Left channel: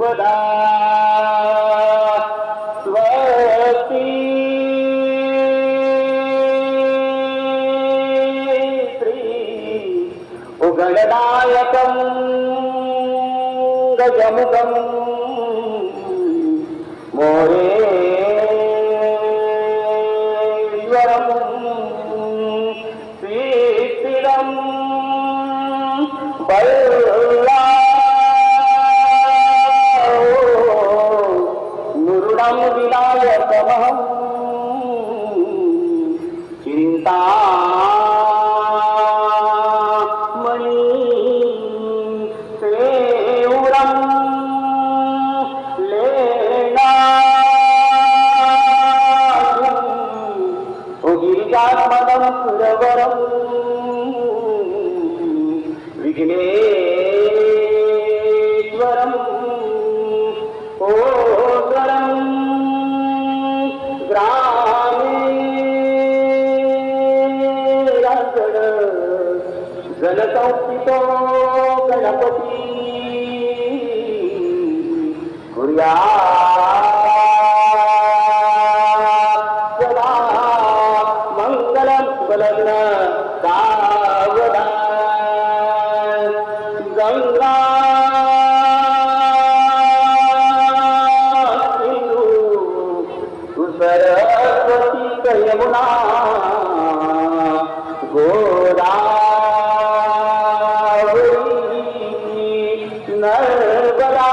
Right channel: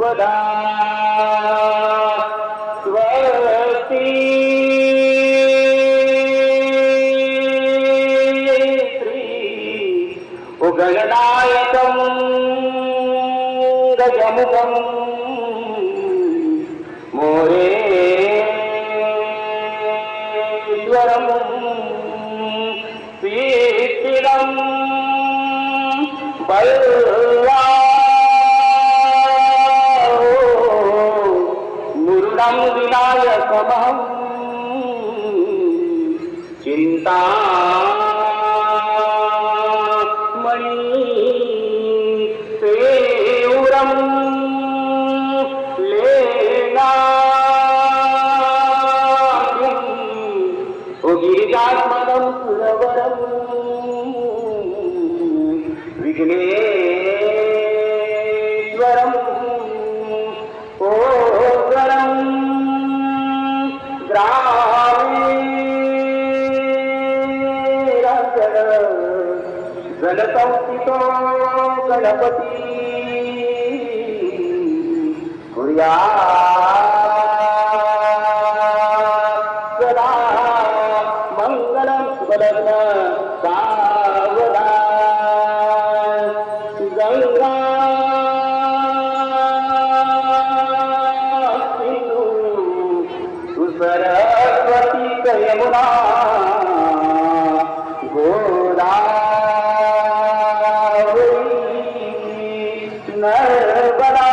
वदा स्वस्ति श्री उगणनायकं गजमुखं मोरेश्वरं श्रीस्थिरं मुरुडं विनायकमहं चिन्तामणि पेयुरं लेनायं गिरिजात्मनं सुरवरं विघ्नेश्वरं ओगरं ग्रामीणजड जलसंस्थितो गणपती कुर्यात् सदा मंगलं बलग्न सावधान गंगा सिंधु सरस्वती यमुना गोदावरी नर्मदा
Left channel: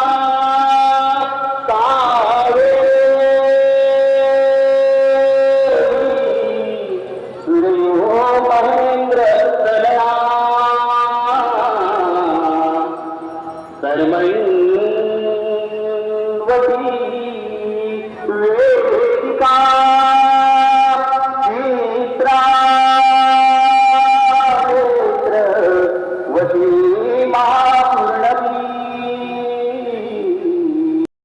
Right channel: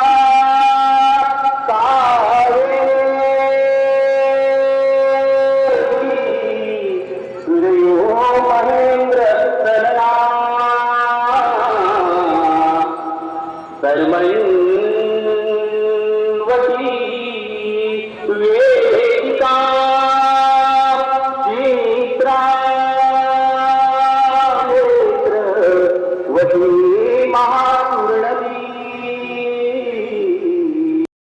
महेंद्र तनया कर्मण्वती वेदिका चित्रावती